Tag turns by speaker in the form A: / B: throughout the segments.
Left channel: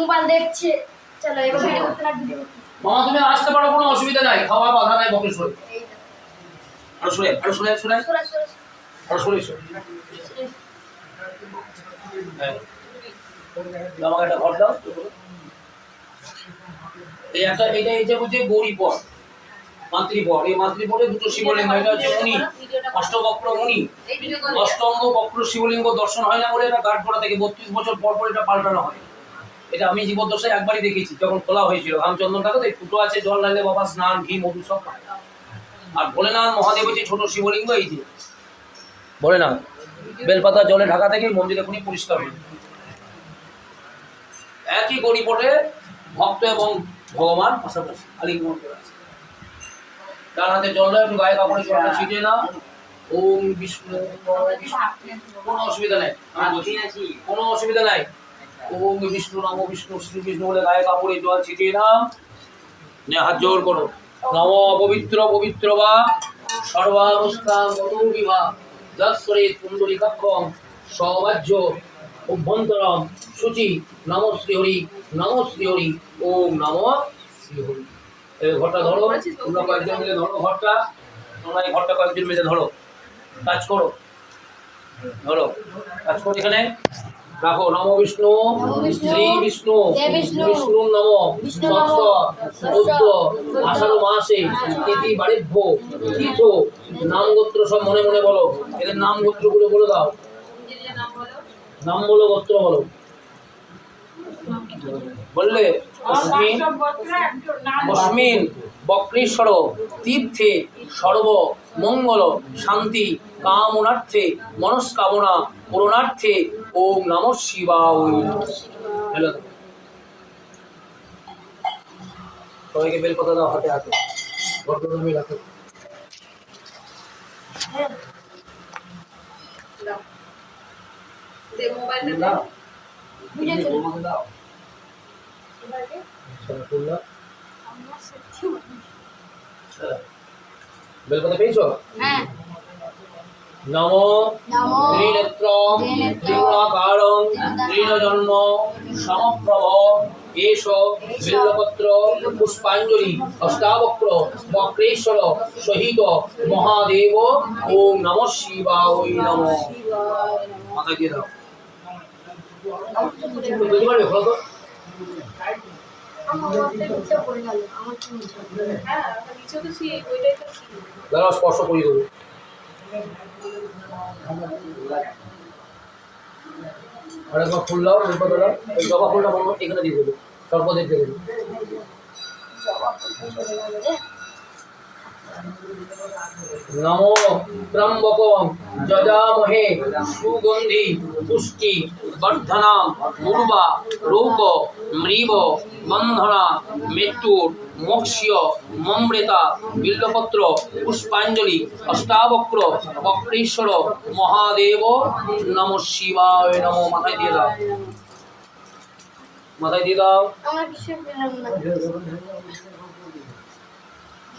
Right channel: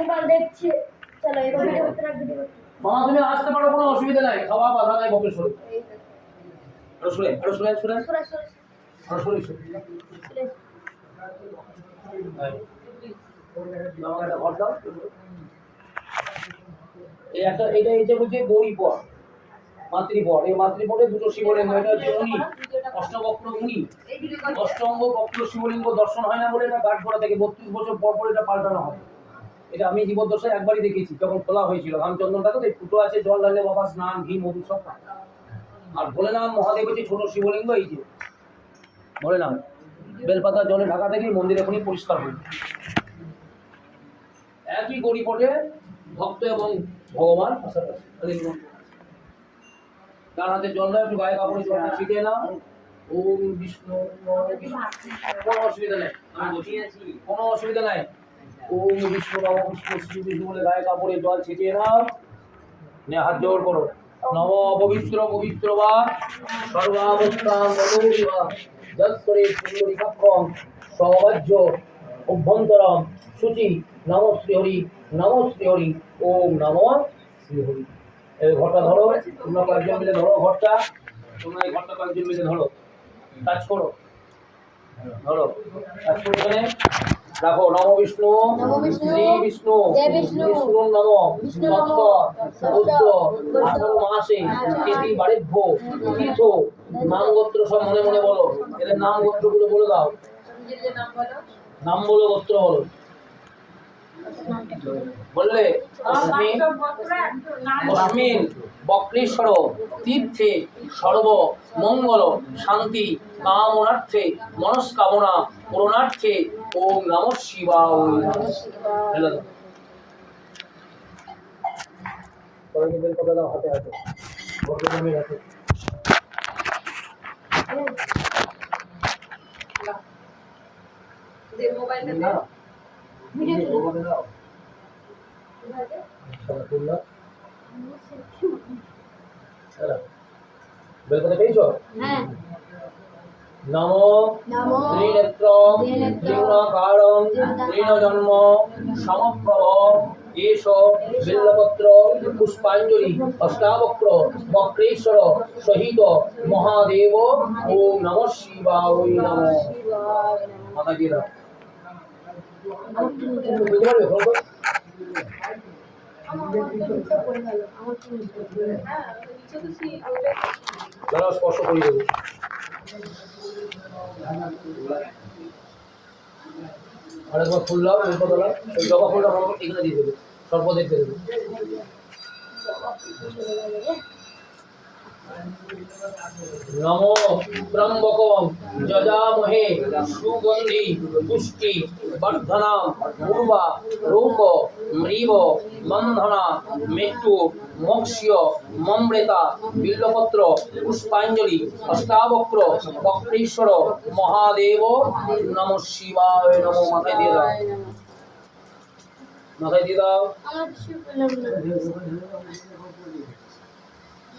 A: Mobile দেখছে। চলো এবার ভিডিও করতে লাগবে ভিডিও করতে।
B: মামা তুমি আসতে পারো কোনো অসুবিধা নাই। খাওয়া বাধা নাই বকরি সরে
A: এই।
B: আরও সরে আরও সরে সরে
A: সরে, সরে,
B: আরও সরে সরে
A: সরে।
B: হ্যাঁ। আমাকে একটা ঘর দাও। এই একটা এটা এই যে বলছে গৌরী পর। মাতৃপর এই মাতৃপরে দুটো শিবলিঙ্গ এটা হচ্ছে মুনি। অষ্টবক্র মুনি।
A: এই করো।
B: অষ্টঙ্গ বক্র শিবলিঙ্গ দর্শন হয় না বলে এটা গাঢ় পড়া থেকে বত্রিশ বছর পর পর এটা পাল্টানো হয়। এটা আমি জীবদ্দশায় একবারই দেখেছি, যখন খোলা হয়েছিল। রামচন্দ্রটাকে তো ফুটো আছে, জল ঢালে বাবা স্নান, ঘি, মধু সব। আর ভোলেনাথ মহাদেব হচ্ছে ছোট শিবলিঙ্গ, এই যে। বলে ভোলেনাথ, বেলপাতা জলে ঢাকা থেকে মন্দির এখনই পরিষ্কার যায়। একই গড়িপটে ভক্ত এবং ভগবান পাশাপাশি আলিঙ্গন করে আছে। হাতে জল নয় একটু গায়ে কাপড়ে জলটা ছিটিয়ে নাও ওম বিষ্ণু। কোনো অসুবিধা নেই। কোনো অসুবিধা নাই। ওম বিষ্ণু নম বিষ্ণু, শ্রী বিষ্ণু বলে গায়ে কাপড়ে জল ছিটিয়ে নাও। নে হাত জোর করো। নম পবিত্র পবিত্র বা সর্বাবস্থা মনোরি বা যৎসরে পুণ্ডরিকাক্ষম সবাজ্য অভ্যন্তরম শুচি নম শ্রী হরি, নম শ্রী হরি, ওম নম শ্রী হরি। এই ঘরটা ধরো, তোমরা কয়েকজন মিলে ধরো ঘরটা। তোমরা এই ঘরটা কয়েকজন মিলে ধরো। কাজ করো। ধরো। কাজ করো এখানে। রাখো নম বিষ্ণু। শ্রী বিষ্ণু।
A: বিষ্ণু,
B: বিষ্ণু নম।
A: বিষ্ণু নমঃ,
B: বুদ্ধ আষাঢ় মাসে তিথি বাড়িভ্য। তীর্থ নাম গোত্র সব মনে মনে বলো। এদের নাম গোত্রগুলো বলে দাও। নাম বলো গোত্র বলো। বললে অস্মিন বক্রেশ্বর তীর্থে সর্ব মঙ্গল শান্তি কামনার্থে মনস্কামনা পূরণার্থে ওম নম শিবায়। সবাইকে বেলপাতা দাও হাতে হাতে রাখো। বেলপাতা পেয়েছ?
A: হ্যাঁ।
B: নমো
A: নমো
B: ত্রিনজন্ম সমপ্রভ এষ বিল্লপত্র পুষ্পাঞ্জলি অষ্টাবক্র বক্রেশ্বর সহিত মহাদেব ও নম শিবায় নম। মাথা দিয়ে দাও। খোলো স্পর্শ করিয়ে দেবো আরেকবার ফুল দাও বেলপাতা দাও জবা ফুলটা এখানে দিয়ে দেবে সর্বদের দিয়ে দেবে নমো ত্রম্বকম যজামহে সুগন্ধি পুষ্টি বর্ধনাম পূর্বা রৌক মৃব বন্ধনা মৃত্যুর মোক্ষ্য মমৃতা বিল্লপত্র পুষ্পাঞ্জলি অষ্টাবক্র বক্রেশ্বর মহাদেব নম শিবায় নম মাথায় দিয়ে দাও। মাথায় দিয়ে দাও
A: আমরা কিছু পেলাম না
B: দাদাগুলো হাত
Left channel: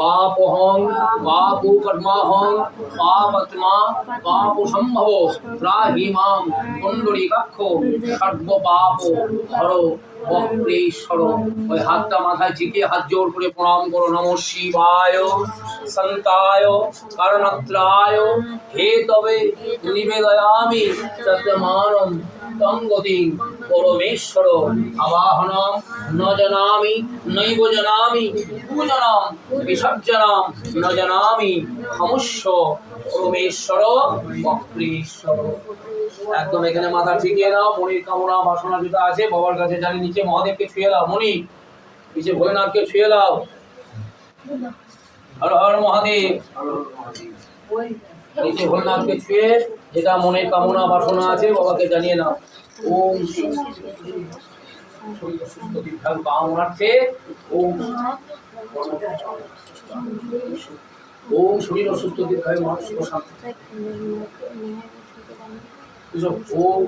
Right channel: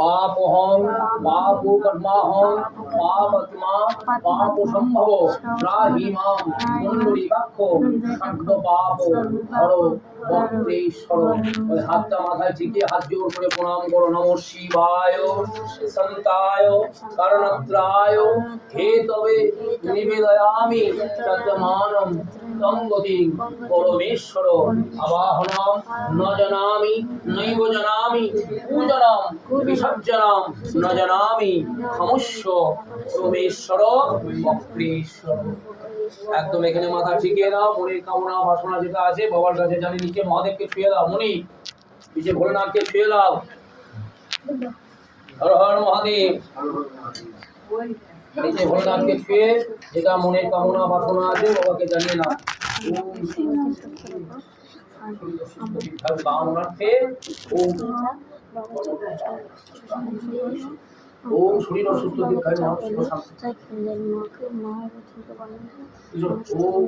B: পাপহং পাপ কর্মাহং পাপাত্মা পাপ সম্ভব রাহি মাম কুণ্ডলী কাক্ষ সর্ব পাপ হর বক্রেশ্বর ওই হাতটা মাথায় ঝিকে হাত জোর করে প্রণাম করো। নম শিবায়, সন্তায় কারণত্রায় হে তবে নিবেদয়ামি সত্যমানম তঙ্গতি পরমেশ্বর। আবাহনম ন জানামি, নৈব জানামি পূজনম বিসর্জনম, ন একদম এখানে মাথা ঠিকিয়ে নাও, মনির কামনা, বাসনা যেটা আছে, বাবার কাছে জানি, নিচে মহাদেবকে ছুঁয়ে দাও, মনি। নিচে ভোলেনাথকে ছুঁয়ে দাও। হর হর মহাদেব। নিচে ভোলেনাথকে ছুঁয়ে যেটা মনের কামনা, বাসনা আছে, বাবাকে জানিয়ে নাও। ওম সুস্থ ওম শরীর অসুস্থ দীর্ঘায় মানুষ শান্তি। ওম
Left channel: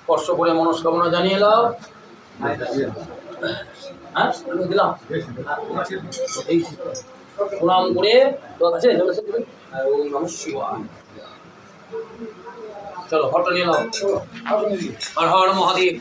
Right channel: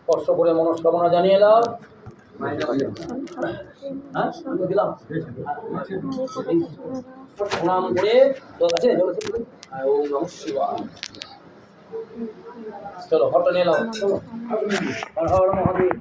B: স্পর্শ করে মনস্কামনা জানিয়ে দাও হ্যাঁ দিলাম প্রণাম করে আছে চলো ফটো নিয়ে নাও হর হর মহাদেব